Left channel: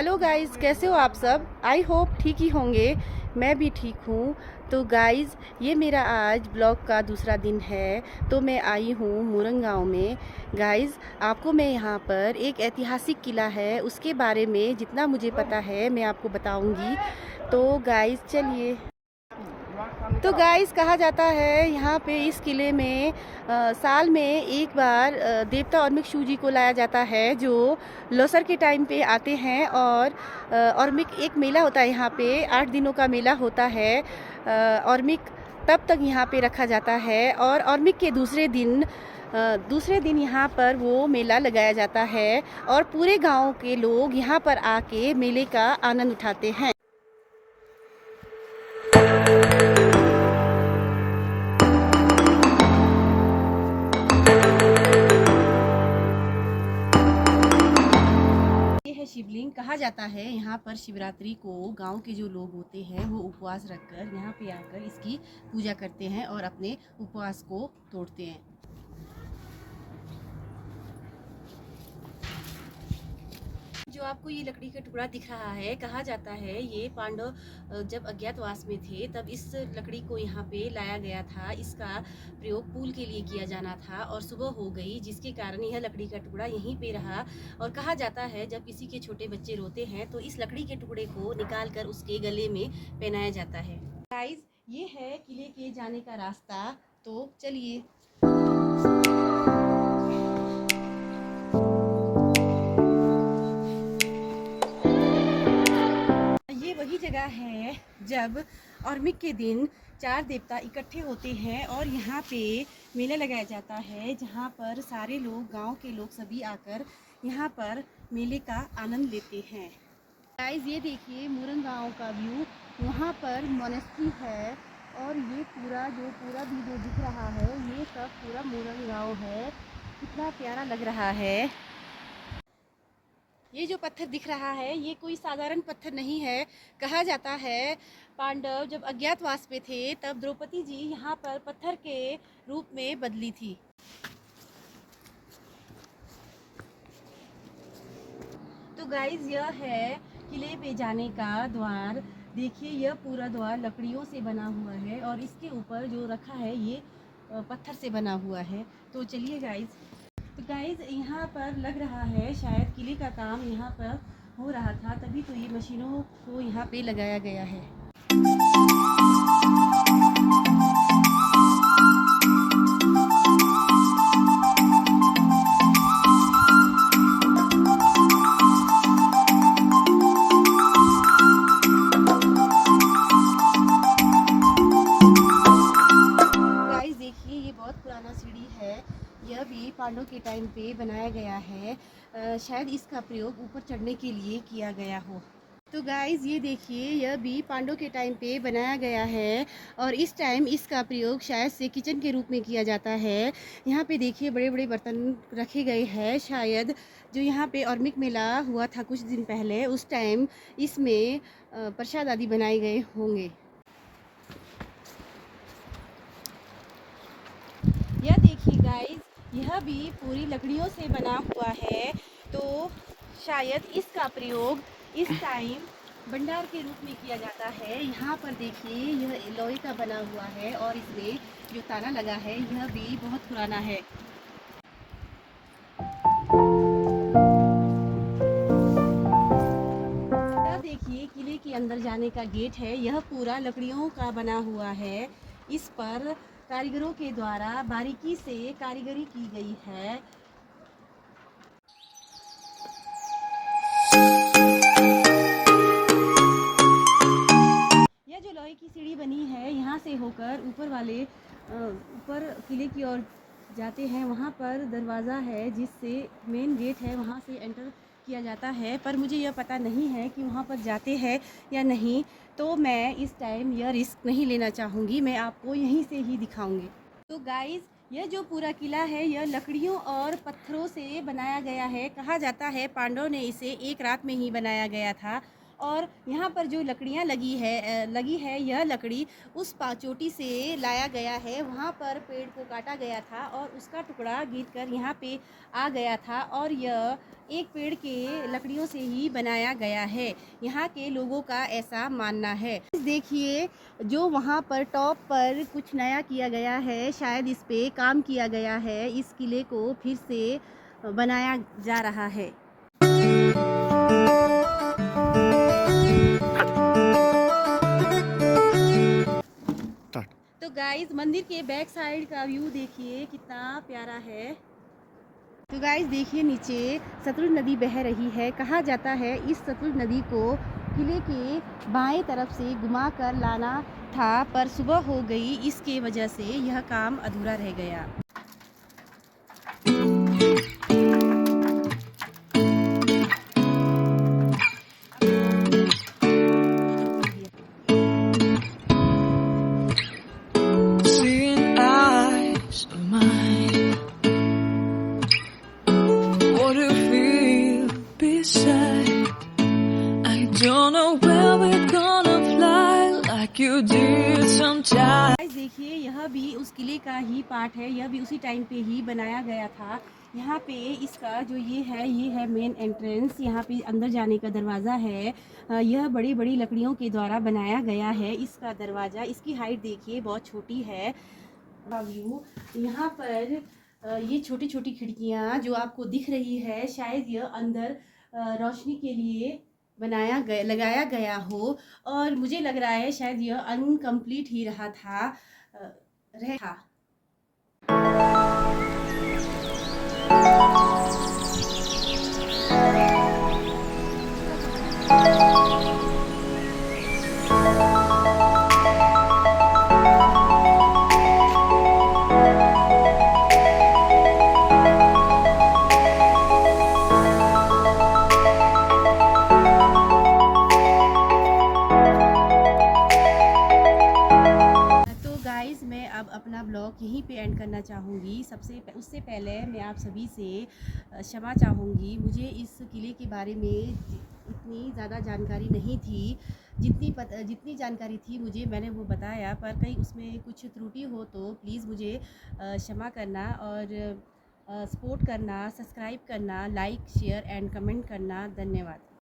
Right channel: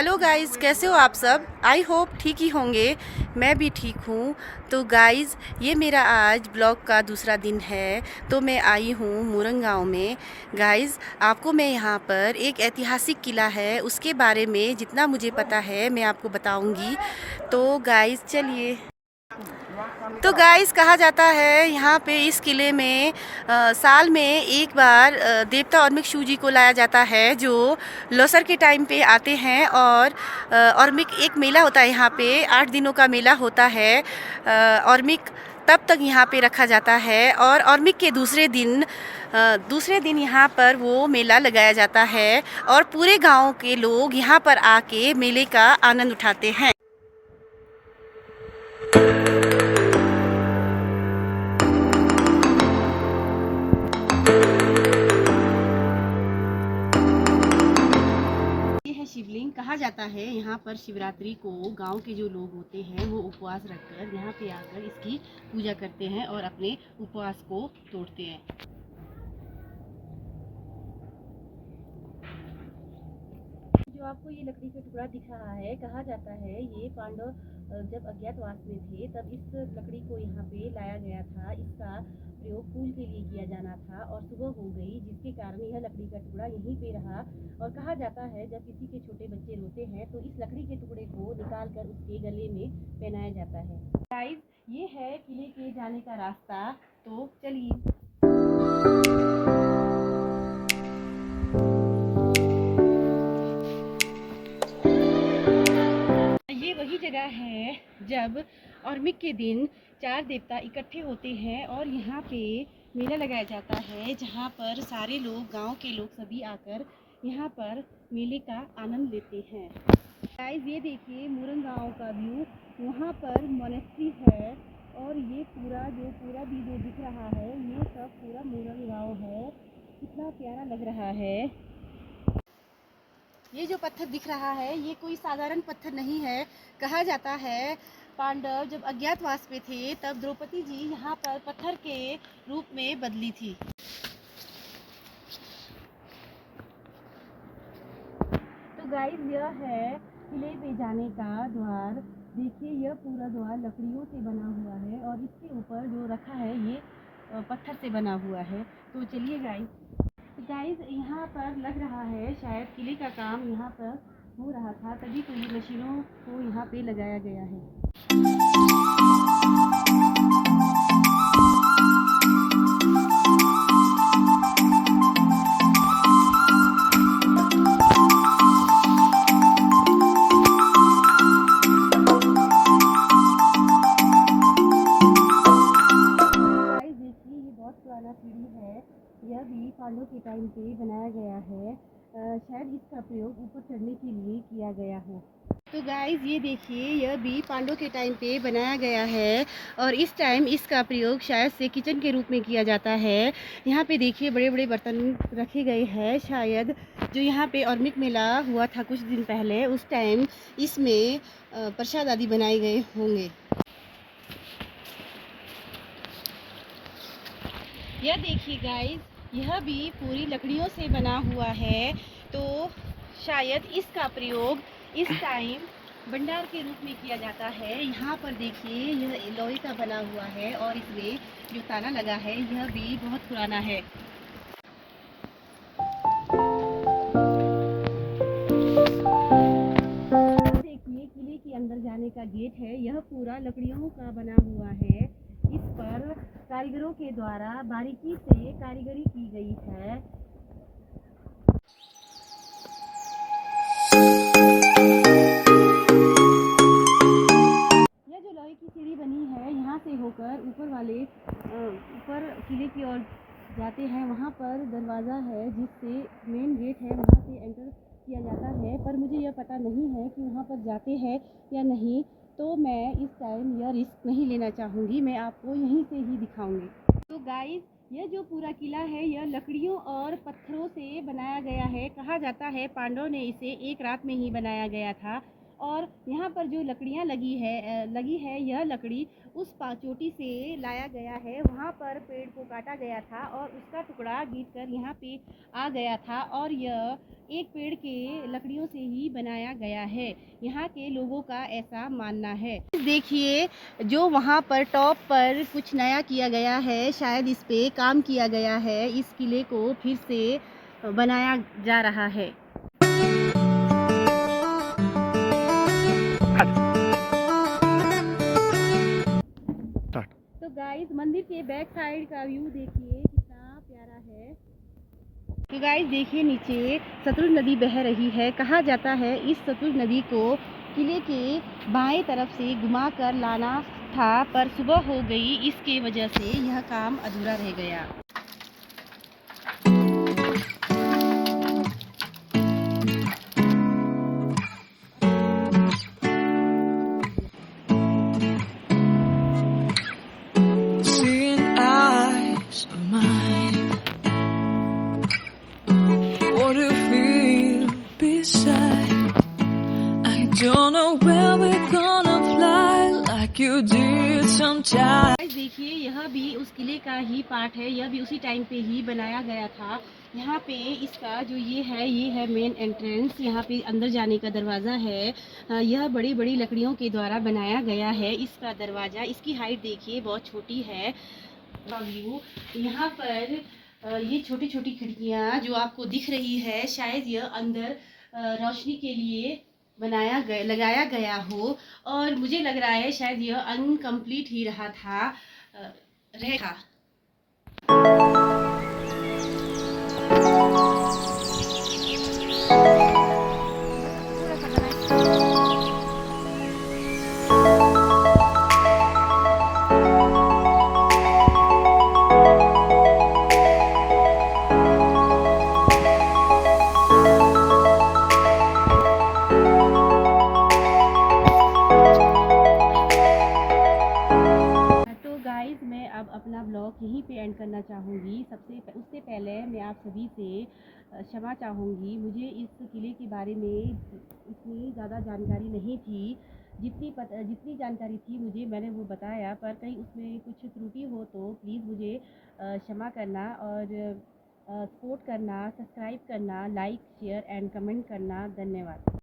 Hello guys, कैसे हो आप सब। आई होप ठीक ही होंगे। मैं भी ठीक हूँ। तो गाइस, ये मेरा आज ब्लॉग का दूसरा दिन है। तो मैं आई हूँ मुरंग गाँव में। गाइस, आपको मैं यहाँ पर एक ऐतिहासिक किला है उसके बारे में जितना मुझे पता है मैं आपको बताऊँगी। तो गाइस चलिए। तो गाइस, कहा जाता है यहाँ पे इस किले में साल में एक बार देवता और्मिक शिव जी को लाया जाता है, जो लोसर के टाइम पे आते हैं। और और्मिक एक मेला होता है यहाँ पे, 8 दिनों का मेला होता है। और्मिक तब तक यहाँ पे रखा जाता है और और्मिक के दूसरे दिन यहाँ पर वो मेला लगाया जाता है और पूरे गांव के लोग यहाँ पर आके मेले का आनंद उठाते हैं। ये है शिवलिंग। कहा जाता है यहाँ पर शिवरात्रि को गांव के जो लोग होते हैं वो उपवास रखकर यहाँ पे आकर इसकी पूजा करते हैं और अपने उपवास को तोड़ते हैं। जो आपको ये लकड़ी का टुकड़ा दिख रहा है, कहा जाता है ये पांडव जब अज्ञातवास में थे तब इस लकड़ी को यहाँ पे लाया गया था। इसका प्रयोग पुल के लिए किया जाना था और सुबह हो गई, जिसके कारण यह लकड़ी का टुकड़ा यहीं पे रहा। और कहा जाता है जब किसी के छोटे बच्चे रोते हैं तो इस लकड़ी के टुकड़े को निकाल कर उसके गले में पहनाया जाता है। गाइस, ये है किले के जाने का रास्ता। तो चलिए। ये वही जगह है जब और्मिक के दिन 4 देवता इकट्ठे होते हैं और यहाँ पे मेला लगाया जाता है, जहाँ पर सारे लोग, गांव के लोग सभी आकर यहाँ पर मेले का आनंद लेते हैं। गाइस, ये देखिए मुरंग गाँव का व्यू। वहाँ पर मोनेस्ट्री है और ये पूरा भी जो दिख रहा है ये सब पूरा मुरंग गाँव है। कितना प्यारा लग रहा है। ये जो पत्थर दिख रहा है ये कोई साधारण पत्थर नहीं है। कहा जाता है पांडव जब अज्ञातवास में थे तब द्रौपदी जी यहाँ पर पत्थर के रूप में बदली थी। तो गाइस, यह है किले पे जाने का द्वार। देखिए, यह पूरा द्वार लकड़ियों से बना हुआ है और इसके ऊपर जो रखा है ये पत्थर से बना हुआ है। तो चलिए गाइस। तो गाइस, यहाँ पर लग रहा है शायद किले का काम यहाँ पर हो रहा था, तभी तो ये मशीनों को यहाँ पे लगाया गया है। गाइस देखिए, ये बहुत पुराना सीढ़ी है। यह भी पांडवों के टाइम पे बनाया गया है। शायद इसका प्रयोग ऊपर चढ़ने के लिए किया गया हो। तो गाइस, ये देखिए, यह भी पांडवों के टाइम पे बनाया गया है और इस टाइम इसका प्रयोग शायद से किचन के रूप में किया जाता है। यहाँ पे देखिए बड़े बड़े बर्तन रखे गए हैं। शायद जो यहाँ पे और्मिक मेला हुआ था कुछ दिन पहले, उस टाइम इसमें प्रसाद आदि बनाए गए होंगे। यह देखिए गाइस, यह भी पूरी लकड़ियों से बना हुआ है। तो शायद इसका प्रयोग इस टाइम भंडार के रूप में किया जाता है। यहाँ पर देखिए, यह लोहे का बना हुआ है और इसमें जो ताला लगा है यह भी बहुत पुराना है। देखिए, किले के अंदर जाने का गेट है। यह पूरा लकड़ियों का बना हुआ है। इस पर कारीगरों के द्वारा बारीकी से कारीगरी की गई है। यह जो लोहे की सीढ़ी बनी है, यहाँ से होकर ऊपर किले की ओर जाते हैं। वहाँ पर दरवाज़ा है जिससे मेन गेट है, वहाँ से एंटर किया जाता है। पर मुझे यह पता नहीं है कि वहाँ पर जाते हैं या नहीं, तो मैं इस टाइम यह रिस्क नहीं लेना चाहूँगी। मैं आपको यहीं से ही दिखाऊँगी। तो गाइस, यह जो पूरा किला है यह लकड़ियों और पत्थरों से बनाया गया है। कहा जाता है पांडवों ने इसे एक रात में ही बनाया गया था और यहाँ पर जो लकड़ियाँ लगी है यह लकड़ी उस चोटी से लाया गया है। वहाँ पर पेड़ को काटा गया था और उसका टुकड़ा गिरकर यहाँ पे आ गया था और यह एक पेड़ के लकड़ियों से ही बनाया गया है। यहाँ के लोगों का ऐसा मानना है। देखिए जो वहाँ पर टॉप पर कुछ नया किया गया है, शायद इस पे काम किया गया है, इस किले को फिर से बनाया जा रहा है। तो गाइस मंदिर के बैक साइड का व्यू देखिए कितना प्यारा है। तो गाइस देखिए नीचे सतलुज नदी बह रही है। कहा जाता है इस सतलुज नदी को किले के बाएं तरफ से घुमा कर लाना था, पर सुबह हो गई, इसके वजह से यह काम अधूरा रह गया। Seeing eyes of mine, what do you feel beside? I don't know where we're gonna fly like you did sometimes. देखिए यह भी उस किले का ही पार्ट है, यह भी उसी टाइम पे ही बनाया गया था। यहाँ पे इसका जो ये है मेन एंट्रेंस, यहाँ पे अंदर जाने का दरवाज़ा है। यह बड़ी बड़ी लकड़ियों के द्वारा बनाया गया है। इसका दरवाज़ा, इसकी हाइट देखिए बहुत छोटी है। व्यू यहाँ पर ये छोटी छोटी खिड़कियाँ जो आपको दिख रही है, शायद यह अंदर रोशनी के लिए लगाया गया हो, और मुझे लग रहा है शायद यह अनकम्प्लीट ही रहा था रहेगा। मैं अब अपना ब्लॉग यहीं पे एंड करना चाहूँगी। उससे पहले मैं आप सभी से क्षमा चाहूँगी। मुझे इस किले के बारे में इतनी ज़्यादा जानकारी नहीं थी। जितनी जानकारी थी मुझे, मैंने वो बताया, पर कहीं उसमें कुछ त्रुटि हो तो प्लीज़ मुझे क्षमा करना और सपोर्ट करना, सब्सक्राइब करना, लाइक शेयर एंड कमेंट करना। धन्यवाद।